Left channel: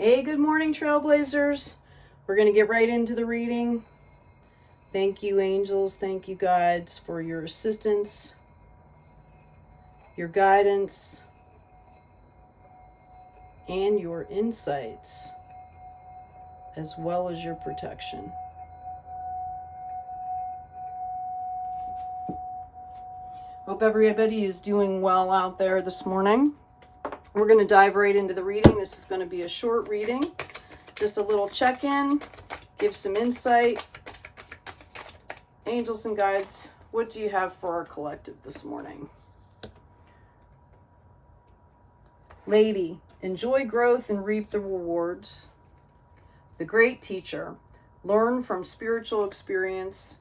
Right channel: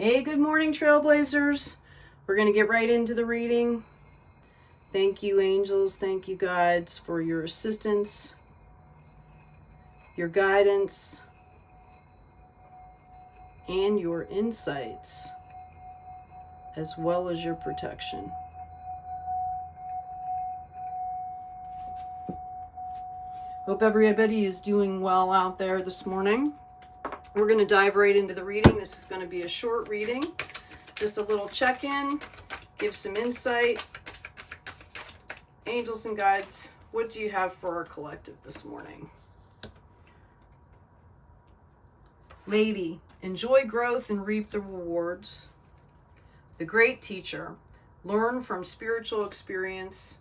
Hey, good morning, Trailblazers. We're going to get right into the reading. Thank you, angels. Thank you, guides, for your assistance, your guidance, and your insights, as well as your protection. Hope everybody is doing well out there this morning. We're going to dive right into the reading. This is going to be a short reading, just a little check-in, give some insight. Angels and guides, what do you have for our collective this morning? Lady, enjoy growth and reap the rewards. The great teacher, learn from spiritual experience.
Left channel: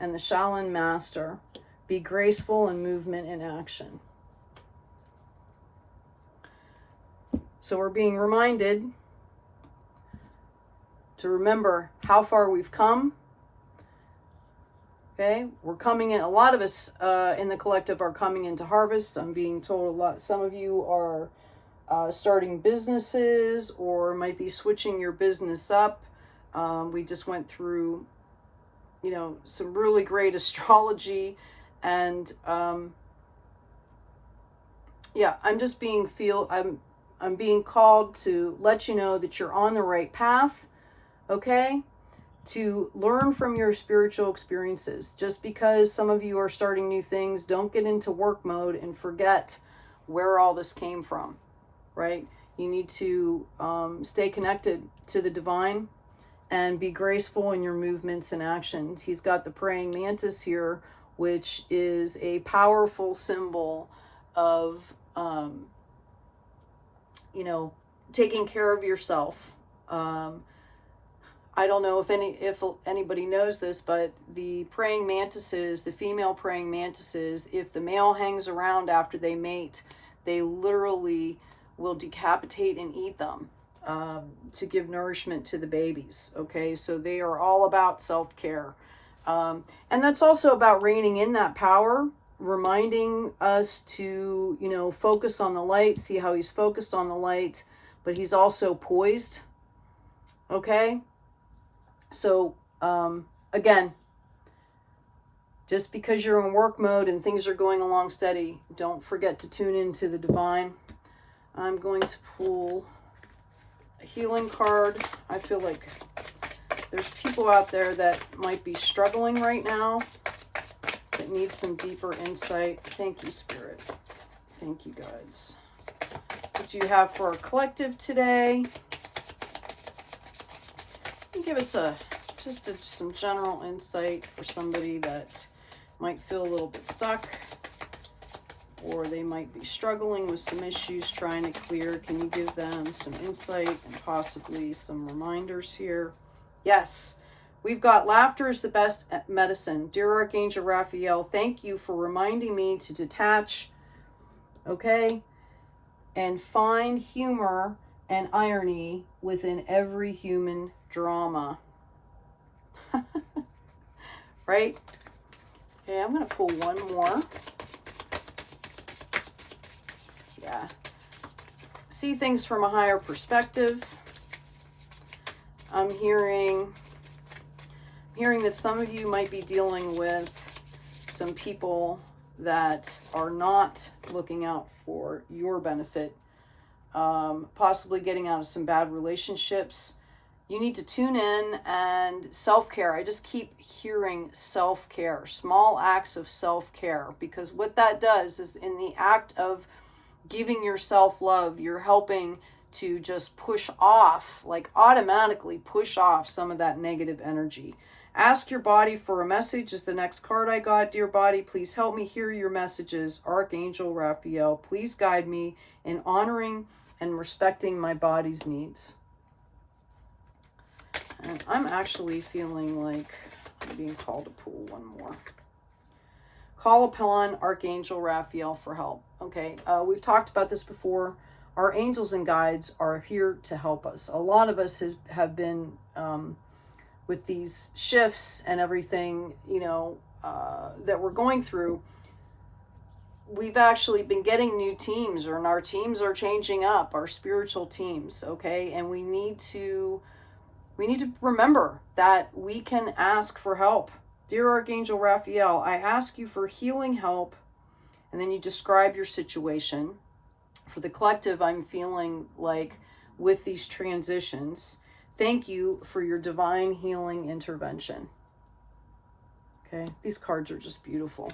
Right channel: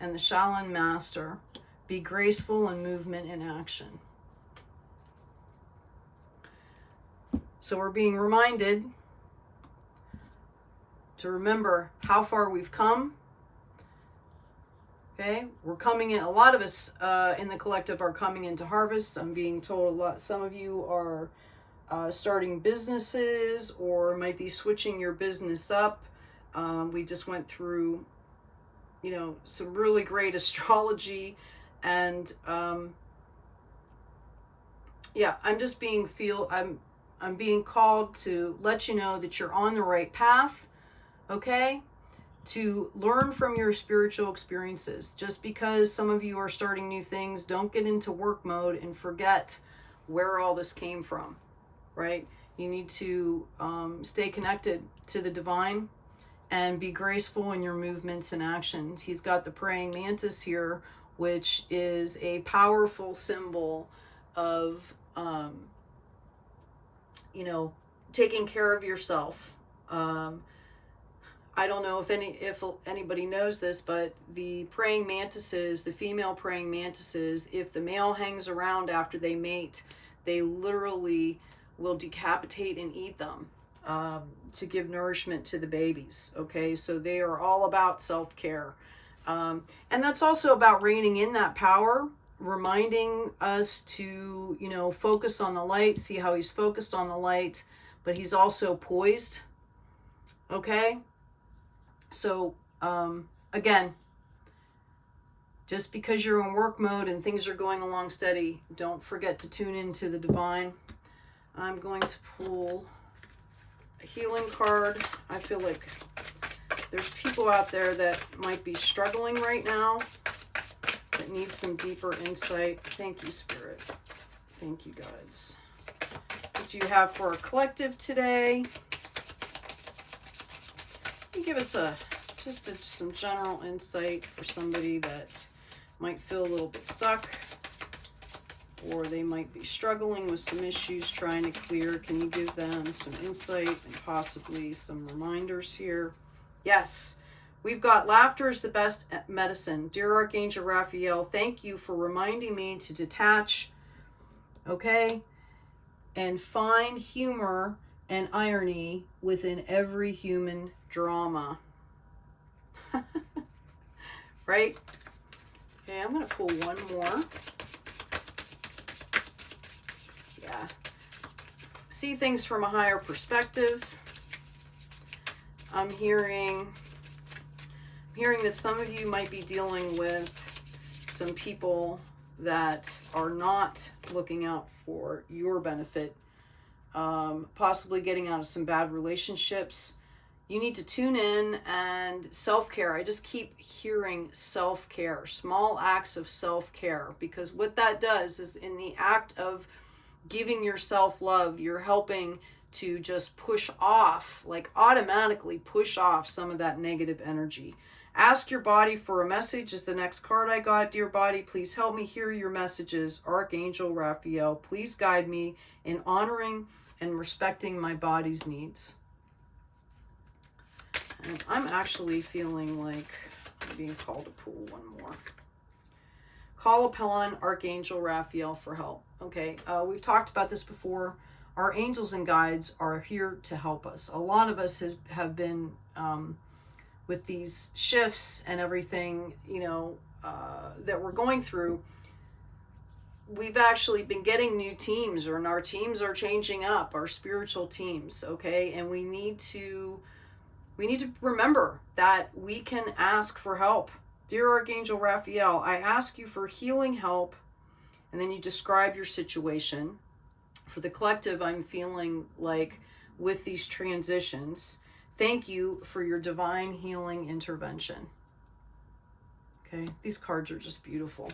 And the Shaolin master, be graceful in movement and action. So we're being reminded to remember how far we've come. Okay, we're coming in, a lot of us in the collective are coming into harvest. I'm being told some of you are starting businesses or might be switching your business up. We just went through, some really great astrology, and I'm just being I'm being called to let you know that you're on the right path, okay? To learn from your spiritual experiences. Just because some of you are starting new things, don't get into work mode and forget where all this came from, right? You need to stay connected to the divine and be graceful in your movements and actions. He's got the praying mantis here, which is a powerful symbol of taking care of yourself. I don't know if anybody knows this, but the praying mantises, the female praying mantises, if the male hangs around after they mate, they literally will decapitate and eat them to give nourishment to the babies. Okay, so they are all about self-care. And that's also about reining in that power, reminding us to, focus on the light, see how he's focused on the light, but he's also poised. Okay? So, again, just because you're in work mode and things are going along steady, don't forget to tune into the divine. I'm going to pull a healing card. I feel like there's people out there that might be struggling right now, that need some deeper insight. Thank you, Spirit. Thank you, guides. What do you have for our collective today? You give us some general insight for somebody that might feel a little bit stuck, or they might be struggling with some issues trying to clear. Can you give them some insight and possibly some reminders here? Yes. We've got laughter is the best medicine. Dear Archangel Raphael, thank you for reminding me to detach, okay, and find humor and irony within every human drama. Right? Okay, I'm going to pull one more. Yeah. See things from a higher perspective. I'm hearing that some of you might be dealing with some people that are not looking out for your benefit, possibly getting out of some bad relationships. You need to tune in, and self-care. I just keep hearing self-care, small acts of self-care, because what that does is in the act of giving yourself love, you're helping to just push off, like automatically push off some of that negative energy. Ask your body for a message is the next card I got. Dear body, please help me hear your messages. Archangel Raphael, please guide me in honoring and respecting my body's needs. And I'm actually feeling like I'm being called to pull one more. Call upon Archangel Raphael for help. Okay, we've talked about this before. Our angels and guides are here to help us. A lot of us have been with these shifts and everything, that we're going through. we've actually been getting new teams, and our teams are changing up, our spiritual teams, okay? And we need to remember that we can ask for help. Dear Archangel Raphael, I ask you for healing help, and then you describe your situation. For the collective, I'm feeling like with these transitions, thank you for your divine healing intervention. Okay, these cards are just beautiful.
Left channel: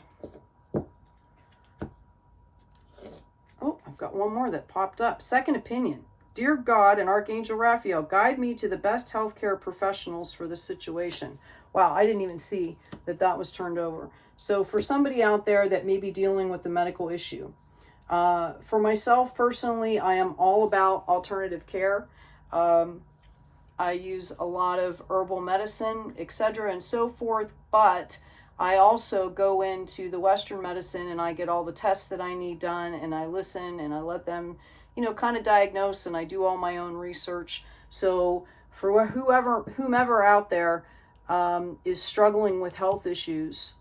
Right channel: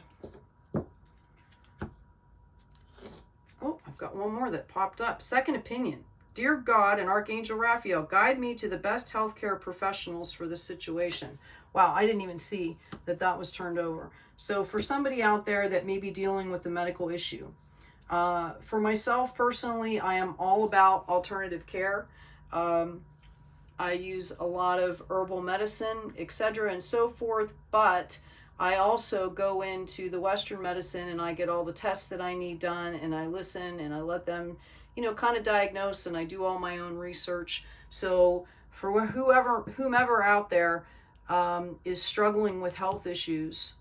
Oh, I've got one more that popped up. Second opinion. Dear God and Archangel Raphael, guide me to the best healthcare professionals for the situation. Wow, I didn't even see that that was turned over. So for somebody out there that may be dealing with a medical issue, for myself personally, I am all about alternative care. I use a lot of herbal medicine, etc. and so forth, but I also go into the Western medicine and I get all the tests that I need done, and I listen and I let them, you know, kind of diagnose, and I do all my own research. So for whomever out there is struggling with health issues,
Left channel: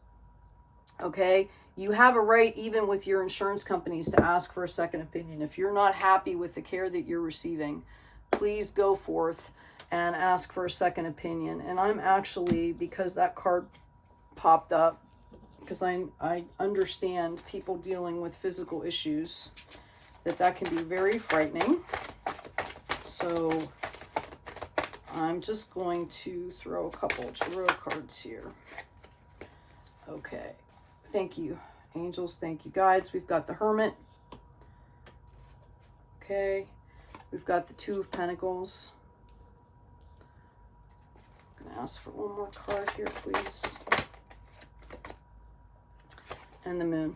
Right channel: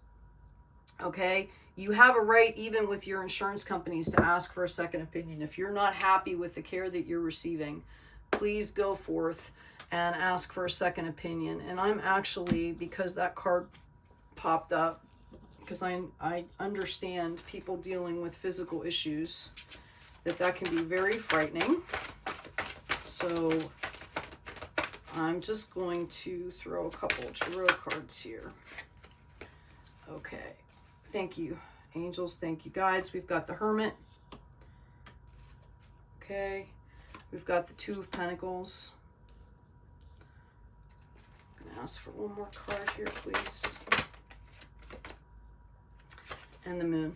okay, you have a right, even with your insurance companies, to ask for a second opinion. If you're not happy with the care that you're receiving, please go forth and ask for a second opinion. And I'm actually, because that card popped up, because I understand people dealing with physical issues, that can be very frightening. So I'm just going to throw a couple tarot cards here. Okay. Thank you, angels. Thank you, guides. We've got the Hermit. Okay. We've got the Two of Pentacles. I'm going to ask for one more card here, please. And the Moon.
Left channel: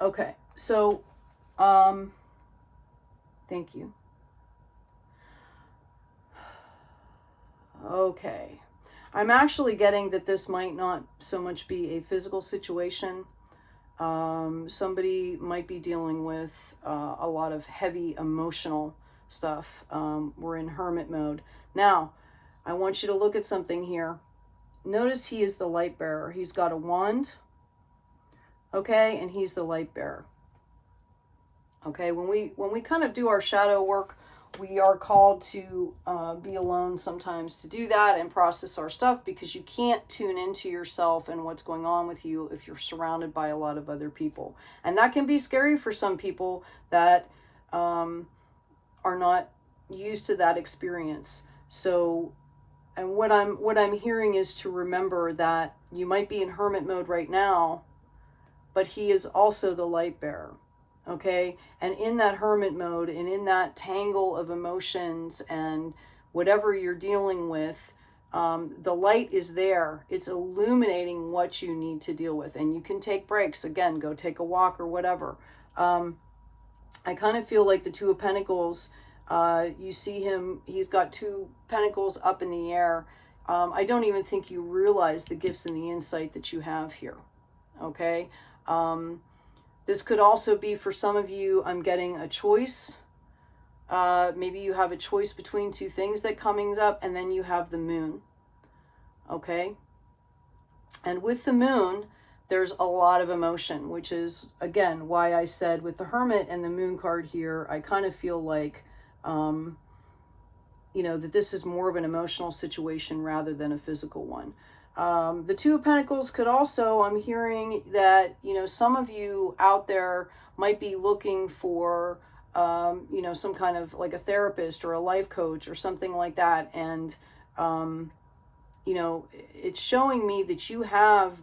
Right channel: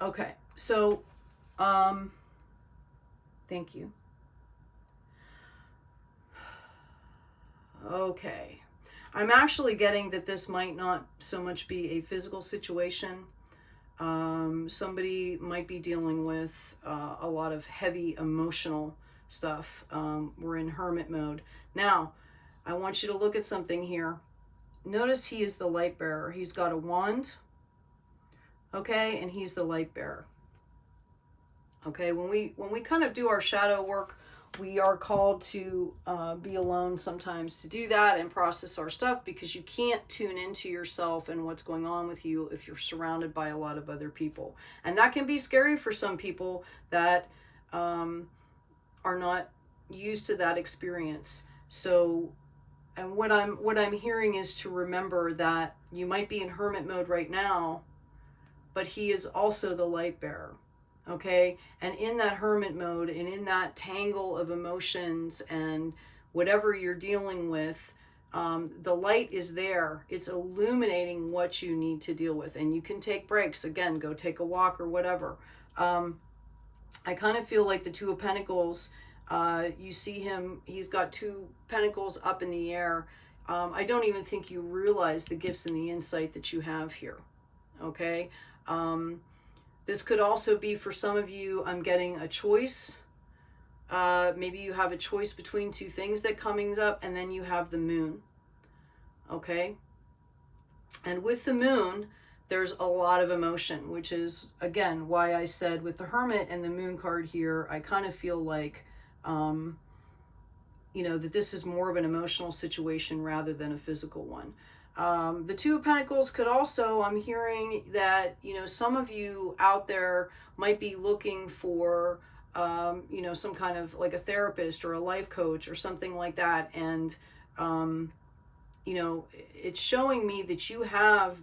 Okay. So, thank you. Okay. I'm actually getting that this might not so much be a physical situation. Somebody might be dealing with a lot of heavy emotional stuff. We're in hermit mode. Now, I want you to look at something here. Notice he is the light bearer. He's got a wand, okay, and he's the light bearer. Okay, when we kind of do our shadow work, we are called to be alone sometimes to do that and process our stuff, because you can't tune into yourself and what's going on with you if you're surrounded by a lot of other people. And that can be scary for some people that are not used to that experience. So, and what I'm hearing is to remember that you might be in hermit mode right now, but he is also the light bearer. Okay, and in that hermit mode and in that tangle of emotions and whatever you're dealing with, the light is there. It's illuminating what you need to deal with, and you can take breaks. Again, go take a walk or whatever. I kind of feel like the Two of Pentacles, you see him, he's got two pentacles up in the air. I don't even think you realize the gifts and the insight that you have here. Okay. This could also be for some of you, I'm getting a choice. Maybe you have a choice between two things that comes up, and then you have the Moon. Okay? And with the Moon, there's a lot of emotion, which is, again, why I said with the Hermit and the Moon card here, I kind of feel like, you know, that this is more of an emotional situation rather than a physical one. The Two of Pentacles could also, I'm hearing that, you know, some of you out there might be looking for, you know, some kind of like a therapist or a life coach or something like that. And, you know, it's showing me that you have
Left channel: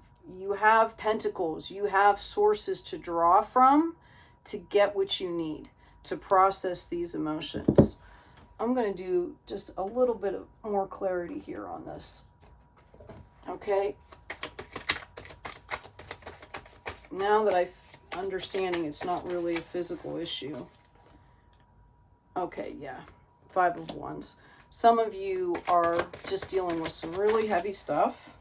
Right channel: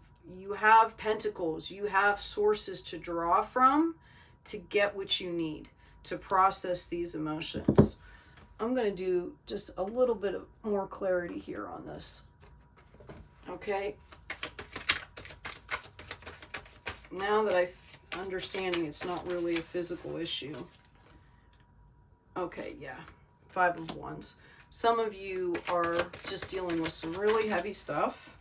pentacles, you have sources to draw from to get what you need to process these emotions. I'm going to do just a little bit of more clarity here on this. Okay, now that I'm understanding it's not really a physical issue. Okay, yeah, Five of Wands. Some of you are just dealing with some really heavy stuff.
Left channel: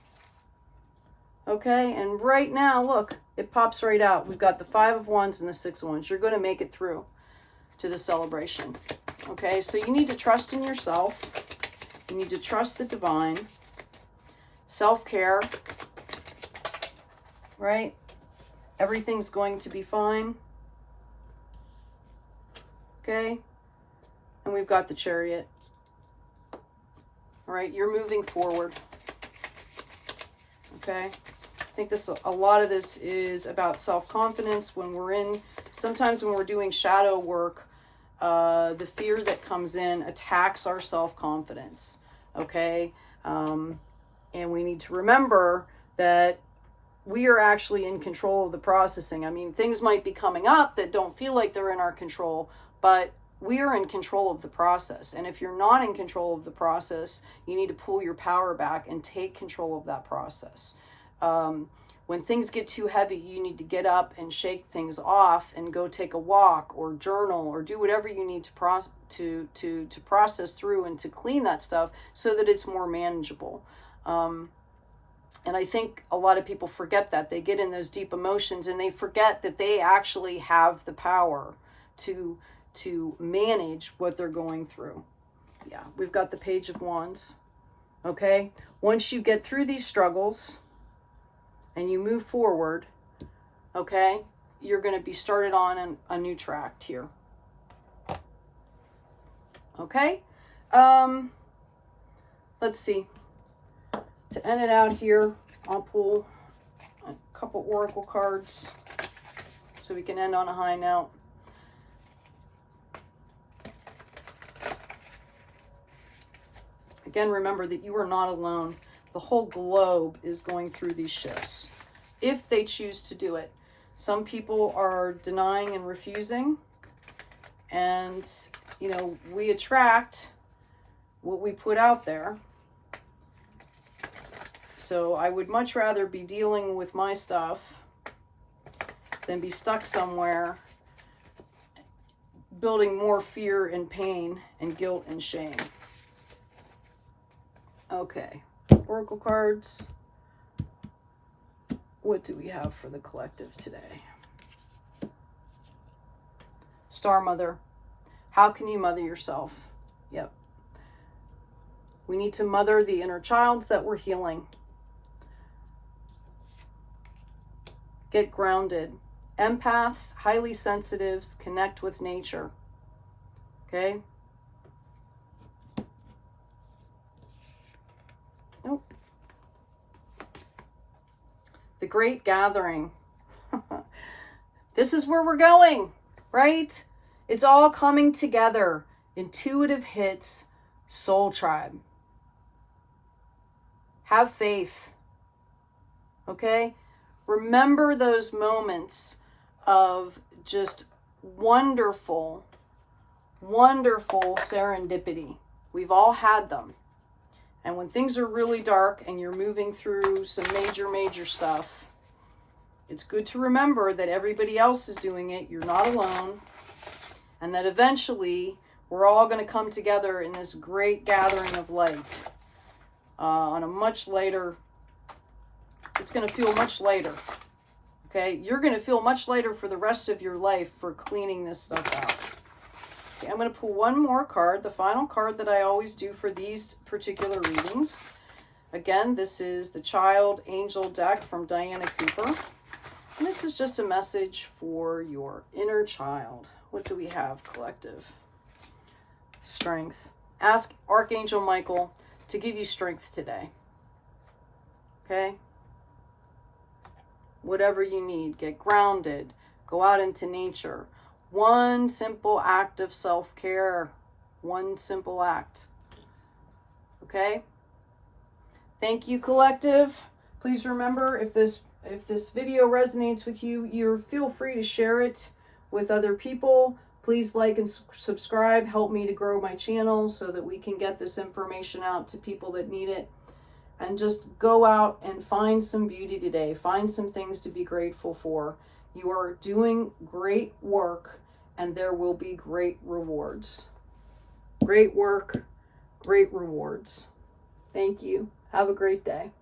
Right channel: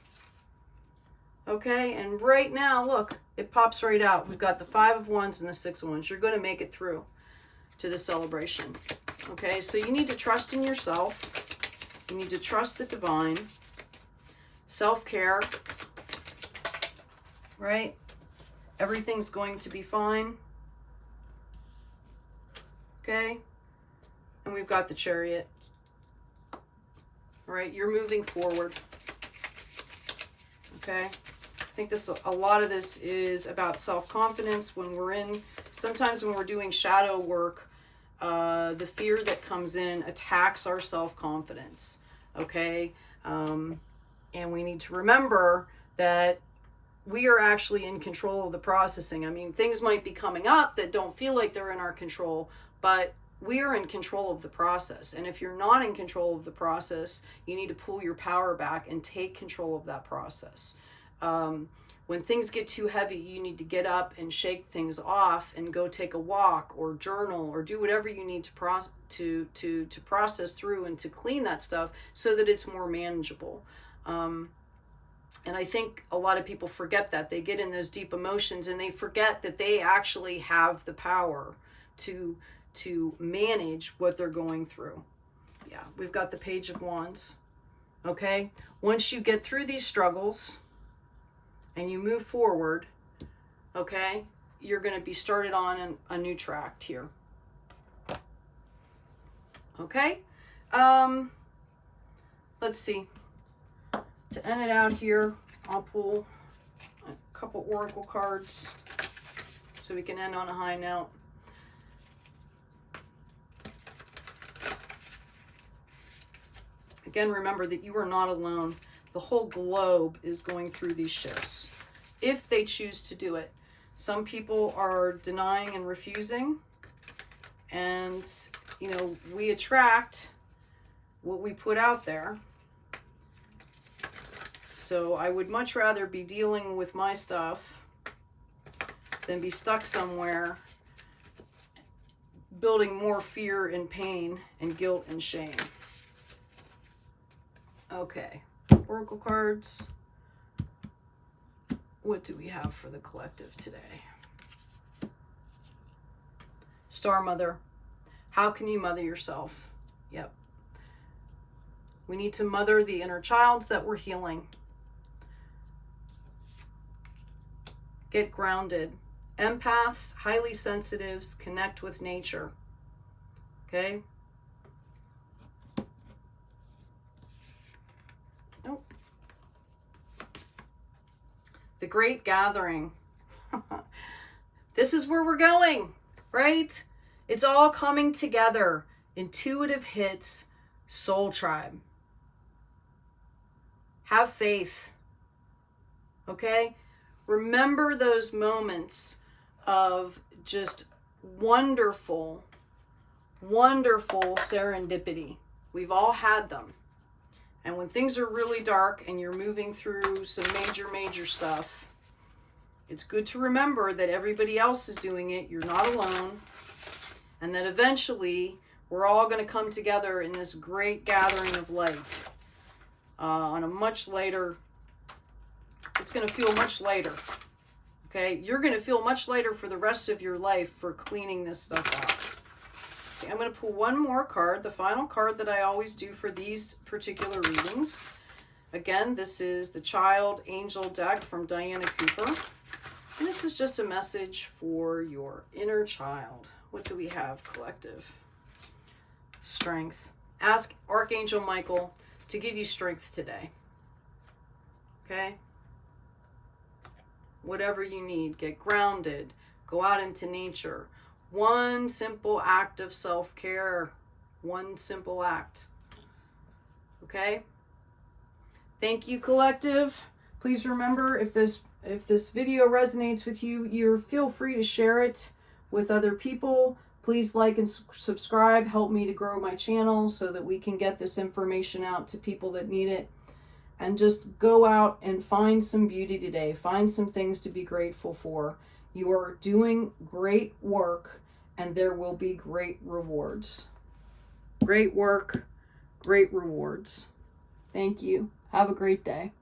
Okay, and right now, look, it pops right out. We've got the Five of Wands and the Six of Wands. You're going to make it through to the celebration. Okay, so you need to trust in yourself. You need to trust the divine. Self-care, right? Everything's going to be fine. Okay? And we've got the Chariot. All right, you're moving forward. Okay? I think a lot of this is about self-confidence. Sometimes when we're doing shadow work, the fear that comes in attacks our self-confidence. Okay? And we need to remember that we are actually in control of the processing. I mean, things might be coming up that don't feel like they're in our control, but we are in control of the process. And if you're not in control of the process, you need to pull your power back and take control of that process. When things get too heavy, you need to get up and shake things off and go take a walk or journal or do whatever you need to process through and to clean that stuff so that it's more manageable. And I think a lot of people forget that. They get in those deep emotions and they forget that they actually have the power to manage what they're going through. Yeah, we've got the Page of Wands. Okay? Once you get through these struggles and you move forward, okay, you're going to be started on a new track here. Okay? Let's see. To end it out here, I'll pull a couple oracle cards so we can end on a high note. Again, remember that you are not alone. The whole globe is going through these shifts, if they choose to do it. Some people are denying and refusing, and, you know, we attract what we put out there. So I would much rather be dealing with my stuff than be stuck somewhere building more fear and pain and guilt and shame. Okay, oracle cards. What do we have for the collective today? Star Mother. How can you mother yourself? Yep. We need to mother the inner childs that we're healing. Get grounded. Empaths, highly sensitives, connect with nature. Okay? Nope. The Great Gathering. This is where we're going, right? It's all coming together. Intuitive hits, soul tribe. Have faith. Okay? Remember those moments of just wonderful, wonderful serendipity. We've all had them. And when things are really dark and you're moving through some major stuff, it's good to remember that everybody else is doing it. You're not alone. And that eventually we're all going to come together in this great gathering of light on a much lighter. It's going to feel much lighter. Okay? You're going to feel much lighter for the rest of your life for cleaning this stuff out. Okay, I'm going to pull one more card, the final card that I always do for these particular readings. Again, this is the Child Angel deck from Diana Cooper. And this is just a message for your inner child. What do we have, collective? Strength. Ask Archangel Michael to give you strength today. Okay? Whatever you need, get grounded, go out into nature. One simple act of self-care. One simple act. Okay? Thank you, collective. Please remember, if this video resonates with you, feel free to share it with other people. Please like and subscribe. Help me to grow my channel so that we can get this information out to people that need it. And just go out and find some beauty today. Find some things to be grateful for. You are doing great work, and there will be great rewards. Great work, great rewards. Thank you. Have a great day.